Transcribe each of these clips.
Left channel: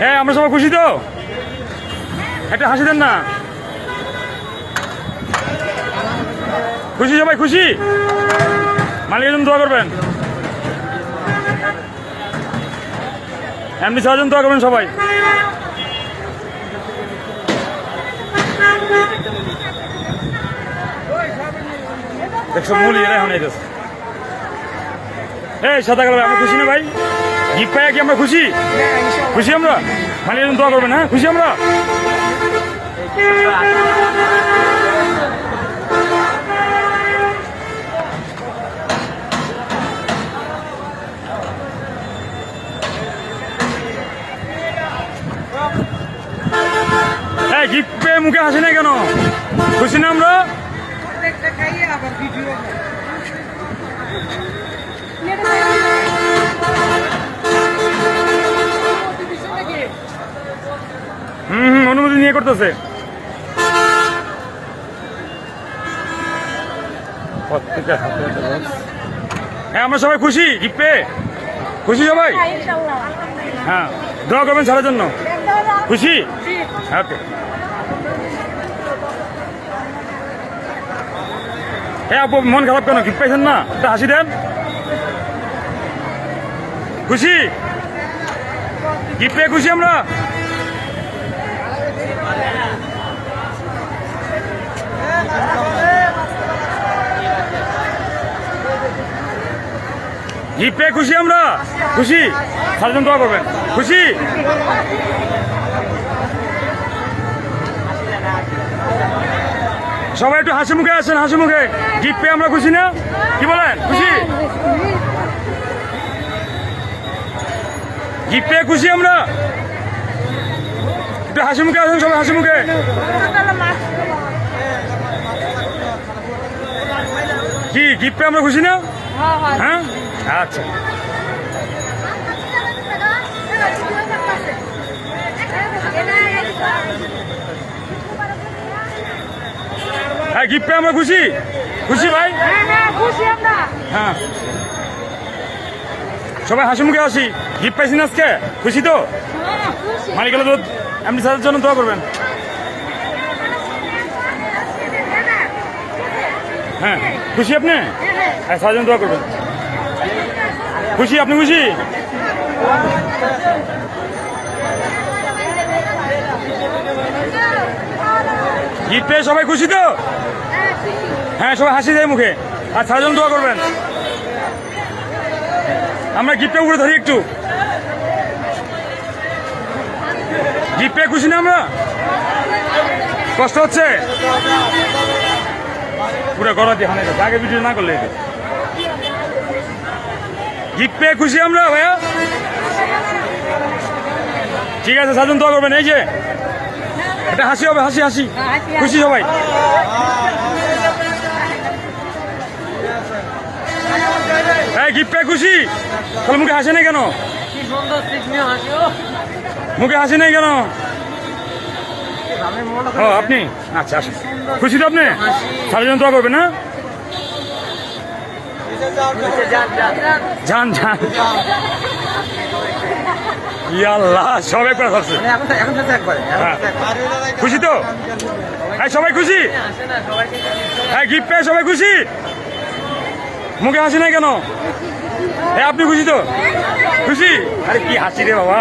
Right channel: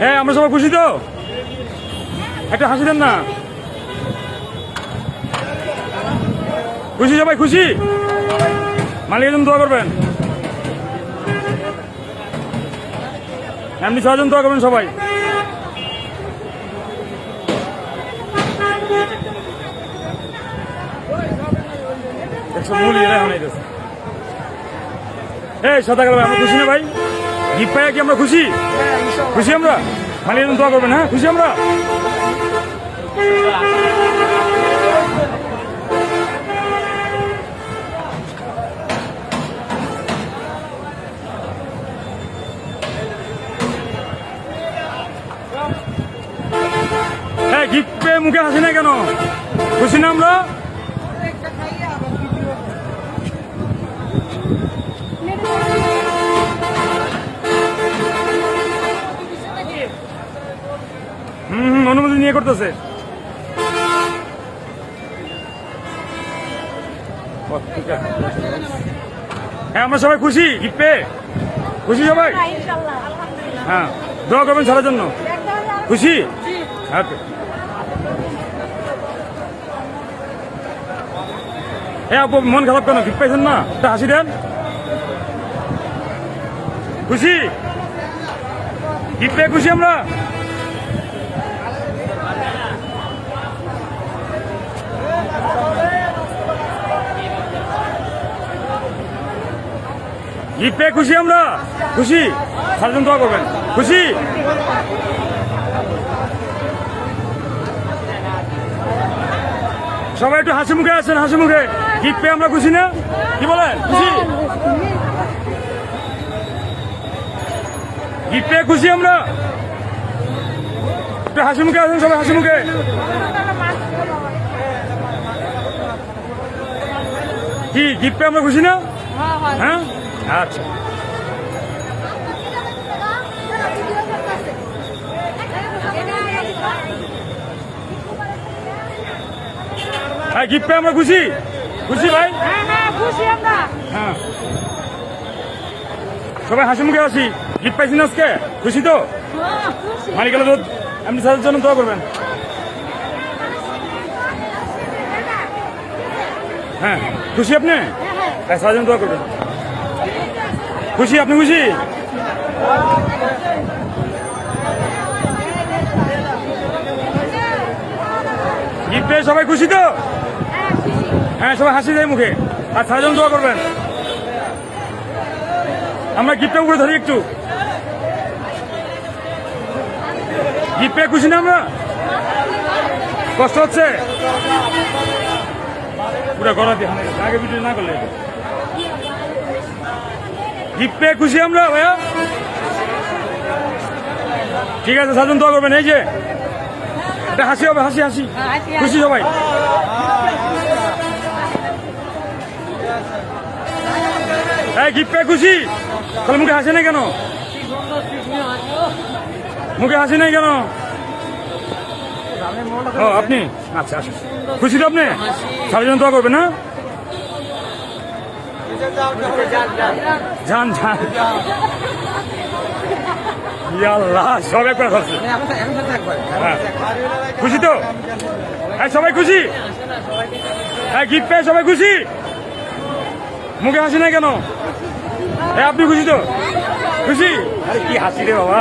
হ্যাঁ আমরা সবাই খুশি তো, একটা হাসি দেন না। খুশি সবাই খুশি, মালিকের জন্য দোয়া করবেন, এমনি 6 জন দোয়া করবেন সবাই। দেখছো মূল এরা হয়ে গেছে। এই সাদা কালো আমরা খুশি না ভাই? গিফট পাইয়া কি আমরা খুশি? খুশি আমরা, মালিকের জন্য দোয়া করবেন। হ্যাঁ খুশি আমরা। হ্যাঁ গিফট পেয়ে মুখে হাসি না কেন? খুশি না আমরা? অনুমতি নিয়ে করতেছে। হ্যাঁ আমরা সবাই খুশি গিফট পেয়ে, খুশি সবাই। হ্যাঁ দোয়া করবেন সবার জন্য, খুশি। ওকে হ্যাঁ আপু মন খারাপ কেন? গিফট পাইছেন না, একটা হাসি দেন। খুশি গিফট পেয়ে খুশি আমরা। গিফট পেয়ে খুশি আমরা, খুশি। সারাজন দোয়া করবেন, খুশি। সবাই একটু হাসি মুখে আসেন, হাসি মুখে। গিফট পেয়ে আমরা খুশি না? কি বলেন? খুশি গিফট পেয়ে খুশি আমরা। একটু হাসি মুখে আসেন সবাই, হাসি মুখে। কি গিফট পেয়ে আমরা খুশি না? হ্যাঁ আচ্ছা হ্যাঁ গিফট পেয়ে আমরা খুশি, খুশি ভাই। হ্যাঁ সবাই হাসি মুখে আসি। গিফট পাইছি না আজকে, খুশি তো? মালিকের তো এমনি সাদের জন্য দোয়া করবেন। হ্যাঁ খুশি আপনি? হ্যাঁ সাদের জন্য দোয়া করবেন। খুশি আপনি? খুশি গিফট পেয়ে সবাই খুশি তো? হ্যাঁ সবাই হাসি দেয় মুখে, আর সাজন দোয়া করবেন। আমরা গিফটটা উপরে ধরি একটু। গিফট পেয়ে খুশি না আমরা? কষ্ট হচ্ছে পুরো গড়াতে, আগে ভিডিও না করলে। গিফট পেয়ে খুশি আমরা ভাইয়া। ঠিক আছে সাজন দোয়া করবেন। এই যে এটা হাসি হবে, হাসি হাসি, খুশি সবাই। এই গিফট পেয়ে খুশি, তাহলে মুখে হাসি নাই কেন? মুখে হাসি নাই কেন? ও আপনি আচ্ছা আসুন। খুশি তো আপনি? সারাজন দোয়া করবেন। না যান যান, আল্লাহ সবাই খুশি তো? সবাই খুশি? হ্যাঁ গিফট পেয়ে সবাই খুশি, মুখে হাসি নাই কেন? আপনি খুশি তো? খুশি? আরে কি হাসি রে বাবা।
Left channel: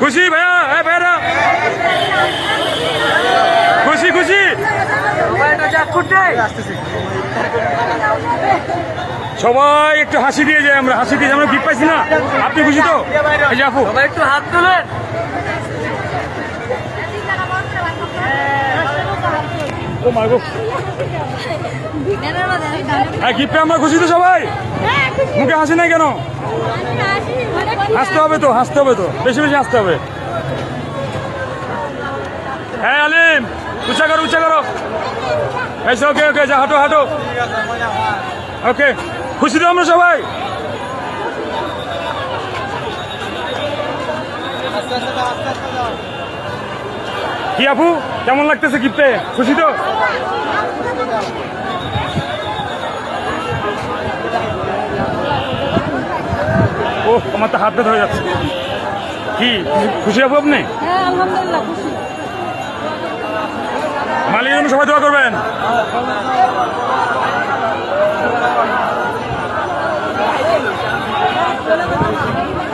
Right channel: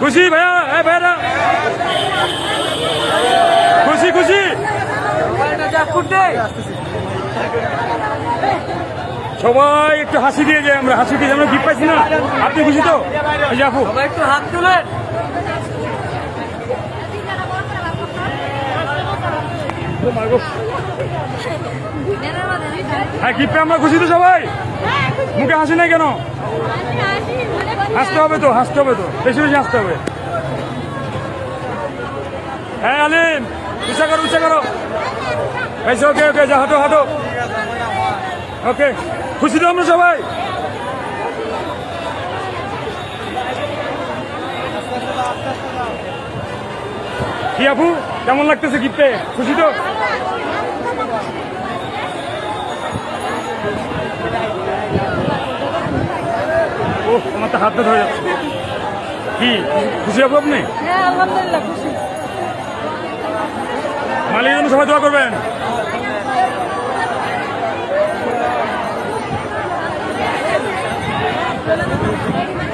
খুশি ভাইয়া? হ্যাঁ ভাইয়া খুশি, খুশি। সবাই একটু হাসি দিয়ে যায়, আমরা হাসি দিয়ে আমরা গিফট পাইছি না। আপনি খুশি তো? এই যে আপু সবাই একটু হাত তুলেন। হ্যাঁ গিফট আমরা খুশি তো সবাই? মুখে হাসি নাই কেন? হাসতে হবে তো, হাসতে হবে তো, বেশি বেশি হাসতে হবে। হ্যাঁ আলিম উঁচা করো, উঁচা করো। ওকে ওকে যা, হাঁটো হাঁটো। ওকে খুশি তো আমরা সবাই? কি আপু কেমন লাগতেছে গিফটে? খুশি তো? ও আমার তো হাত বের হয়ে যাচ্ছে। কি খুশি হবো আপনি? হ্যাঁ আলহামদুলিল্লাহ খুশি। মালিক জন্য সবাই দোয়া করবেন।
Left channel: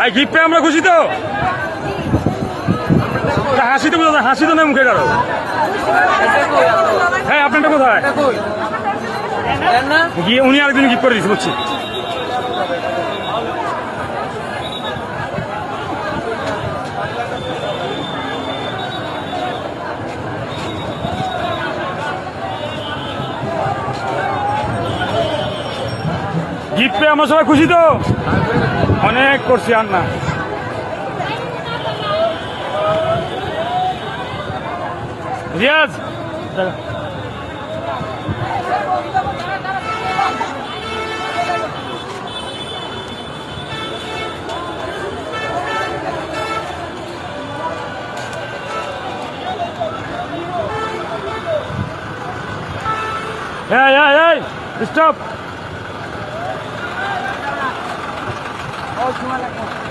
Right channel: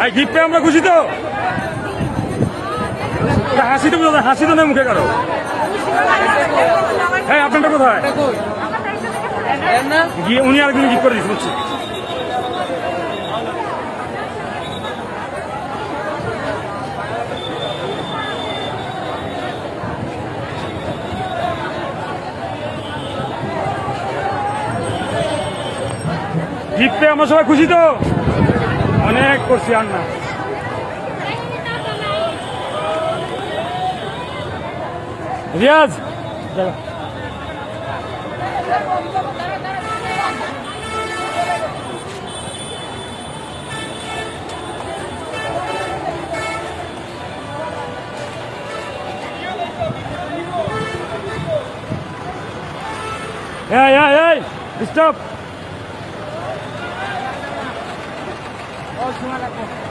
এই গিফট পেয়ে আমরা খুশি তো? হাসি তো বোঝা, হাসি তো নেই মুখে গেল। হ্যাঁ আপনারটা কোথায়? গিয়ে উনি আরেকদিন গিফট করে দিচ্ছি বুঝছি। গিফট পেয়ে আমরা সবাই খুশি তো? অনেক করছি আর না। রিয়াজ চলো। Hey, stop! সময় লাগবে।